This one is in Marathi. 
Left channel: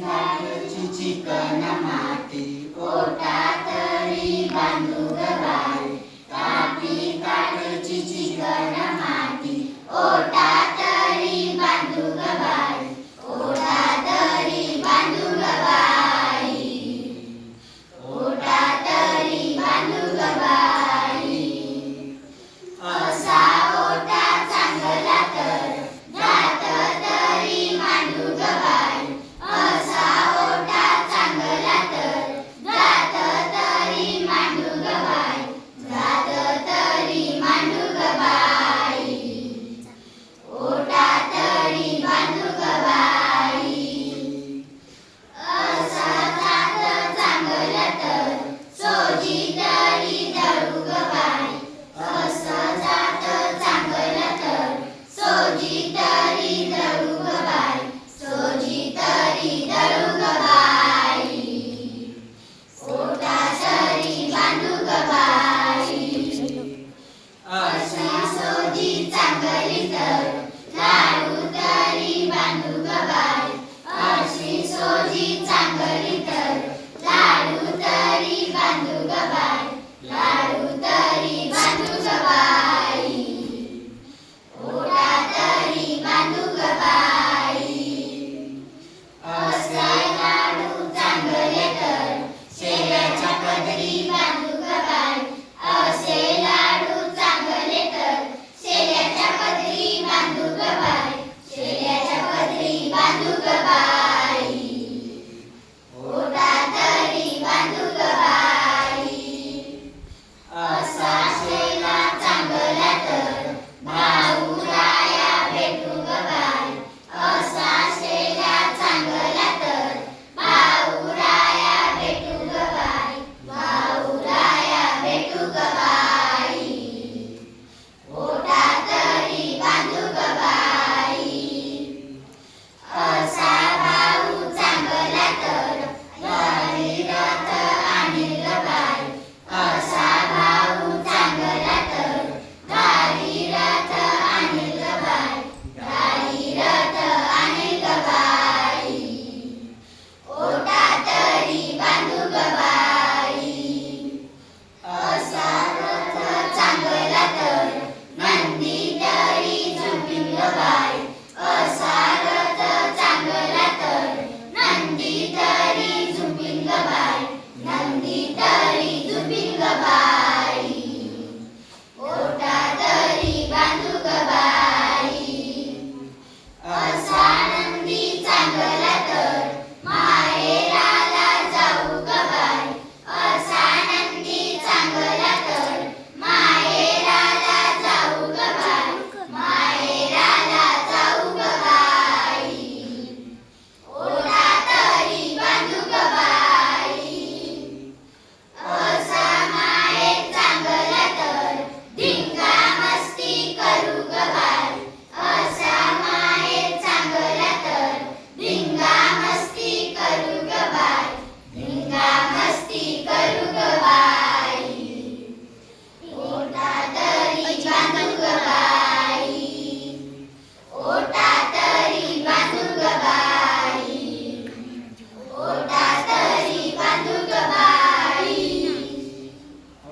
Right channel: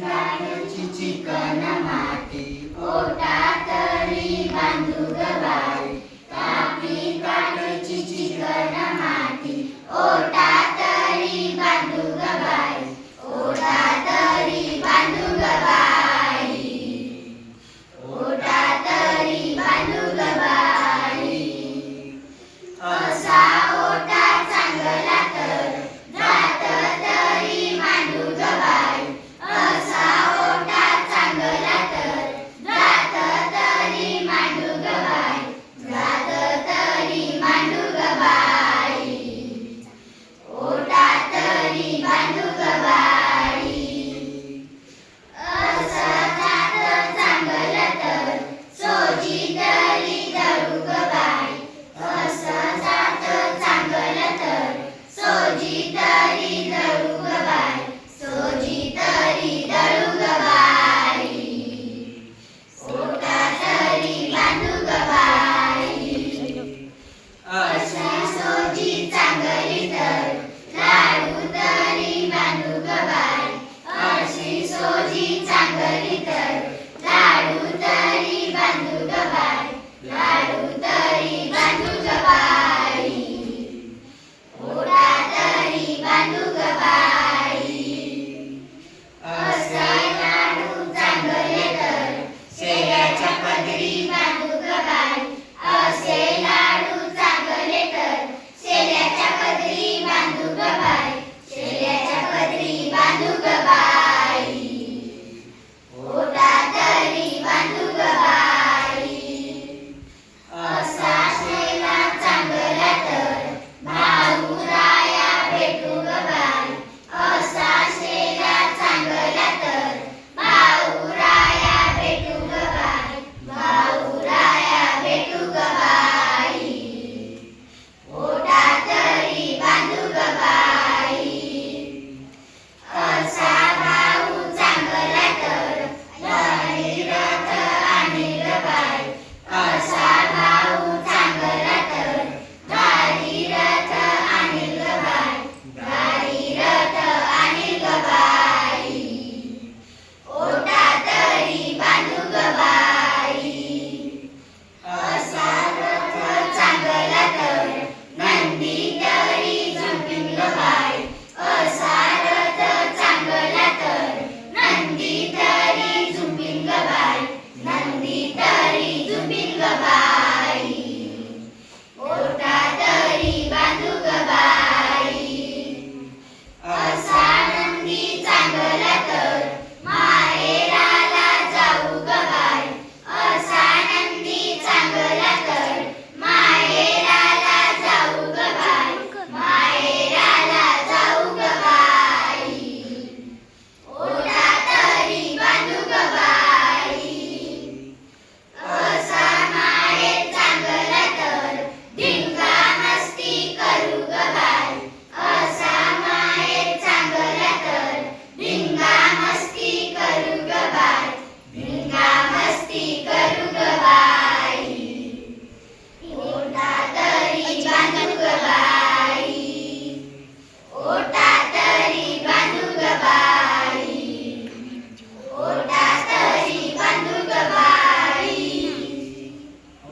झाडाची चिकन माती ओटा Bhagavad